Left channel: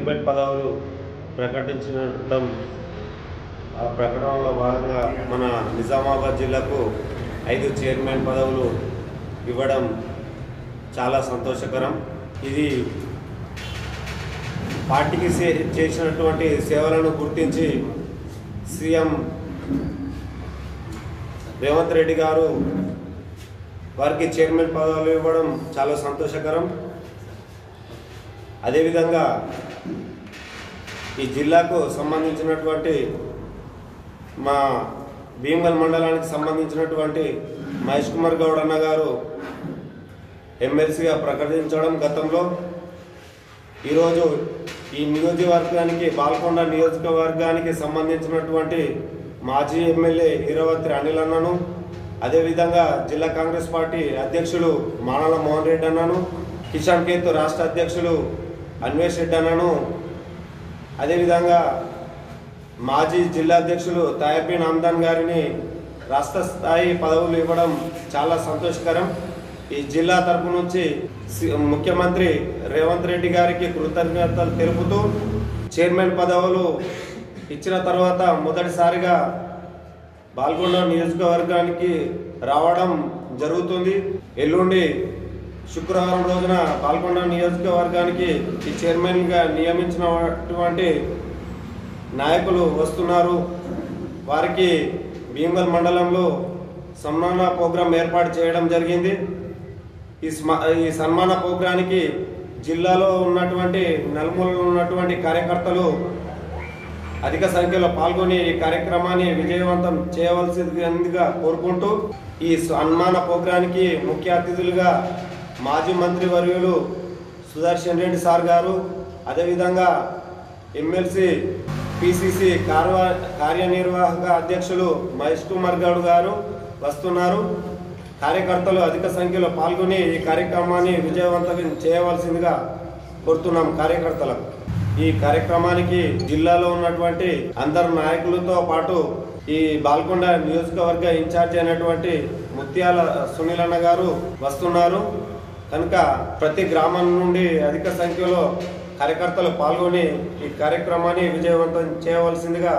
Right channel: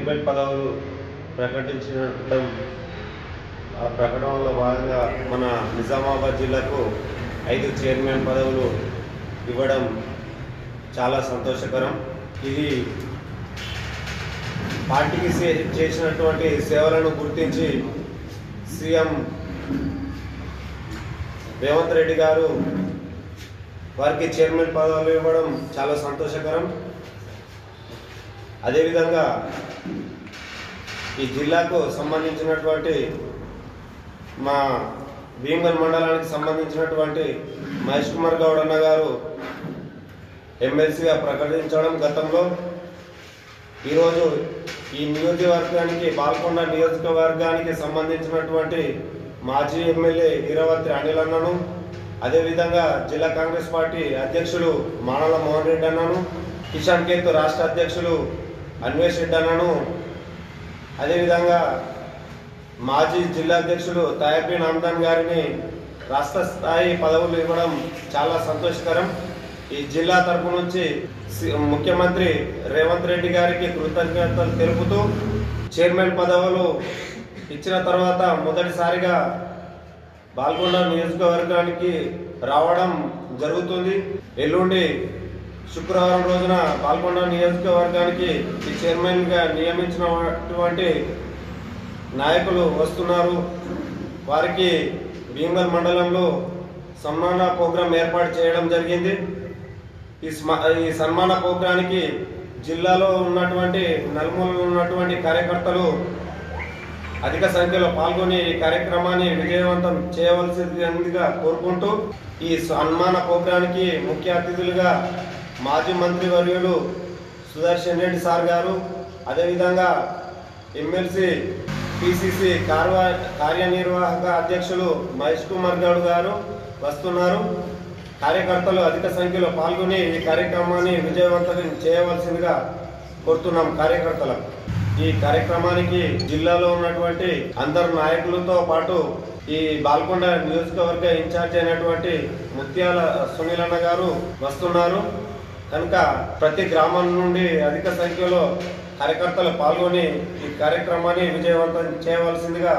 Chairman పదవులు ప్రకటించడం, ఆ ప్రకటనలో భాగంగా మన నిజామాబాద్ జిల్లాకు 5 చైర్మన్ పదవులు ఇవ్వడం చాలా సంతోషకరం. ఇది పార్టీకి చేసినటువంటి సేవలను గుర్తించి సీఎం రేవంత్ రెడ్డి గారు వారికి చైర్మన్ పదవులు ఇవ్వడం చాలా సంతోషకరం. అదేవిధంగా ఈ జిల్లాకు సంబంధించినటువంటి మా భీమగల్ మండలానికి సంబంధించినటువంటి మహేష్ కుమార్ గౌడ్ అన్న గారు ఎమ్మెల్సీగా ప్రకటించడం గతంలో, ఈరోజు ఈ నియోజకవర్గానికి బాల్కొండ నియోజకవర్గానికి సంబంధించినటువంటి మాజీ ఎమ్మెల్యే ఈరవత్రి అనిల్ అన్నను, అదేవిధంగా జిల్లా కాంగ్రెస్ పార్టీ అధ్యక్షులు మానల మోహన్ రెడ్డి అన్నను, కిషన్ కేతు రాష్ట్ర అధ్యక్షులు అన్వేష్ రెడ్డి అన్నను, అదేవిధంగా మాజీ జిల్లా అధ్యక్షులు తాయపి నామ్దాన్ గారిని రాష్ట్ర స్థాయి పదవులు ఇవ్వడం చాలా సంతోషకరం. ఈ జిల్లా తరపు నుంచి ముఖ్యమంత్రి రేవంత్ రెడ్డి గారికి కృతజ్ఞతలు తెలుపుతూ చైర్మన్ పదవులు ఇచ్చిన తర్వాత మొదటిసారిగా బాల్కొండ నియోజకవర్గానికి రావడం జరుగుతుంది. ఎల్లుండి శుక్రవారం రోజున బాల్కొండ నియోజకవర్గానికి ఈ చైర్మన్గా నియమించినటువంటి నాయకులు వస్తున్నారు. వారికి భీమగల్ మండలంలో సన్మాన ప్రోగ్రాం ఏర్పాటు చేయడం జరిగింది. ఈ సన్మాన ప్రోగ్రానికి జిల్లాలో ఉన్నటువంటి నలుమూలలో ఉన్నటువంటి కార్యకర్తలు అధిక సంఖ్యలో పాల్గొని ఈ కార్యక్రమాన్ని విజయవంతం చేయవలసిందిగా కోరుకుంటూ, ఈ సన్మాన ప్రోగ్రానికి ముఖ్య అతిథులుగా మాజీ మంత్రివర్యులు సుదర్శన్ రెడ్డి సార్ గారు, అదేవిధంగా ఎమ్మెల్సీ పిసిసి కార్యనిర్వాహక అధ్యక్షులు మహేష్ కుమార్ గౌడ్ గారు వస్తున్నారు. కార్యకర్తలు అధిక సంఖ్యలో పాల్గొని ఈ కార్యక్రమాన్ని విజయవంతం చేయవలసిందిగా కోరుతున్నాం కార్యకర్తలకు. ఈ కార్యక్రమానికి జిల్లాలో ఉన్నటువంటి అందరు నాయకులతో పాటు ఈ బాల్కొండ నియోజకవర్గ ఇన్ఛార్జ్ అయినటువంటి ముత్యాల సునీల్ అన్న గారు వస్తున్నారు. కనుక ప్రతి గ్రామం నుండి అధిక సంఖ్యలో కార్యకర్తలు పాల్గొని ఈ కార్యక్రమాన్ని విజయవంతం చేయవలసిందిగా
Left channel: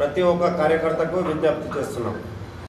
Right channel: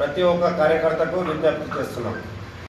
ప్రతి ఒక్క కార్యకర్తకు విజ్ఞప్తి చేస్తున్నాం.